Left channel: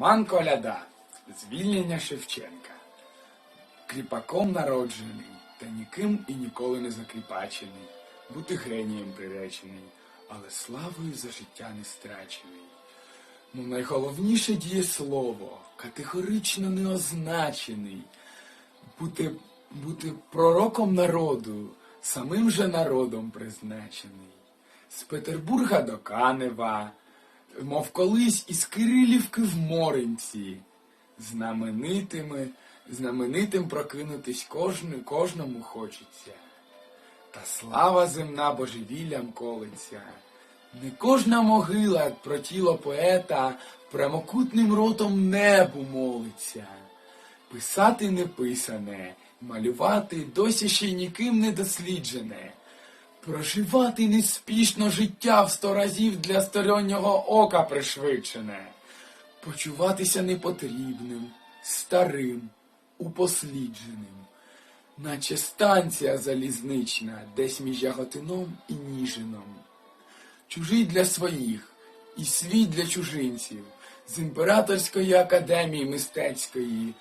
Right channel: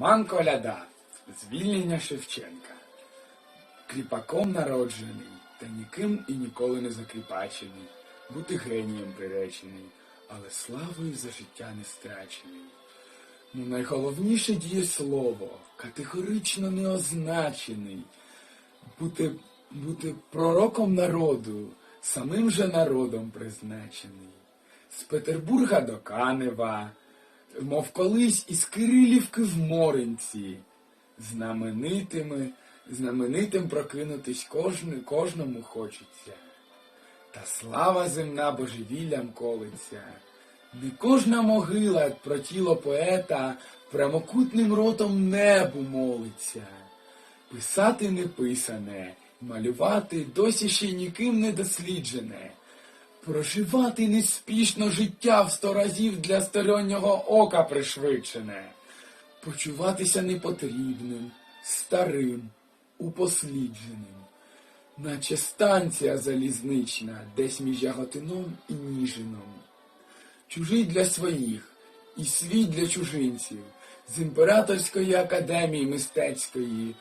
Роман Коляда, звільнення Шевченка. Кріпаком народжений, та ніким і ніколи не закріпачений, бути генієм приречений, але славою за життя не страчений. Ну, найголовніше дієслово, категорично не означений, бути, бути пророком народу, самим же народом призначений. З Петербурга до Канева, мов колись із Кирилівки в Моринці, знаменитими, знаменитим прокинутись кожну, кожному хочеться. Та слава земна божевіллям колиться. Не кожна могила, про тіло поета, прямокутним ротом небу молиться. Писати неписане, малювати досі ще ніким не досліджене. Проживати неспішно життя в сто разів для стороннього ока пришвидшене. Почуватися непотрібним, старим, упослідженим. Наче станція залізнична, десь між Яготином і Ніжином. Чужий для своїх і свій для чужинців, з імператорської академії мистецької,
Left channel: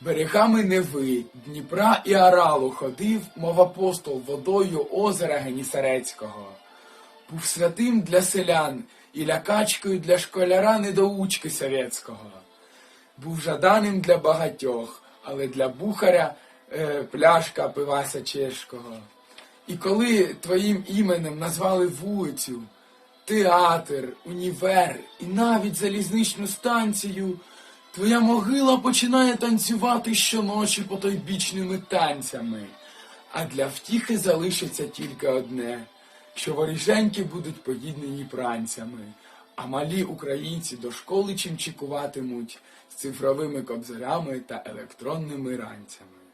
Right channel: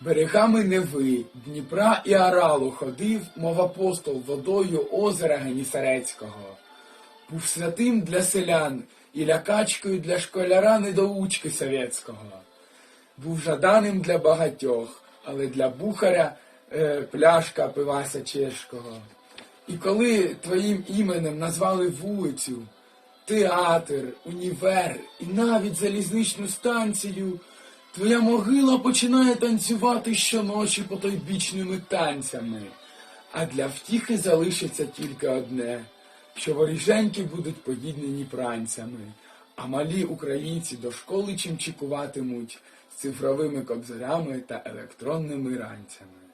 берегами Неви, Дніпра і Аралу ходив, мов апостол водою озера Генісарецького. Був святим для селян і лякачкою для школяра недоучки совєтського. Був жаданим для багатьох, але для бухаря е, пляшка пивася чешкого. І коли твоїм іменем назвали вулицю, театр, універ і навіть залізничну станцію, твоя могила починає танцювати щоночі потойбічними танцями. А для втіхи залишиться тільки одне, що воріженьки будуть поїднені пранцями, а малі українці до школи чимчикуватимуть з цифровими кобзарями та електронними ранцями.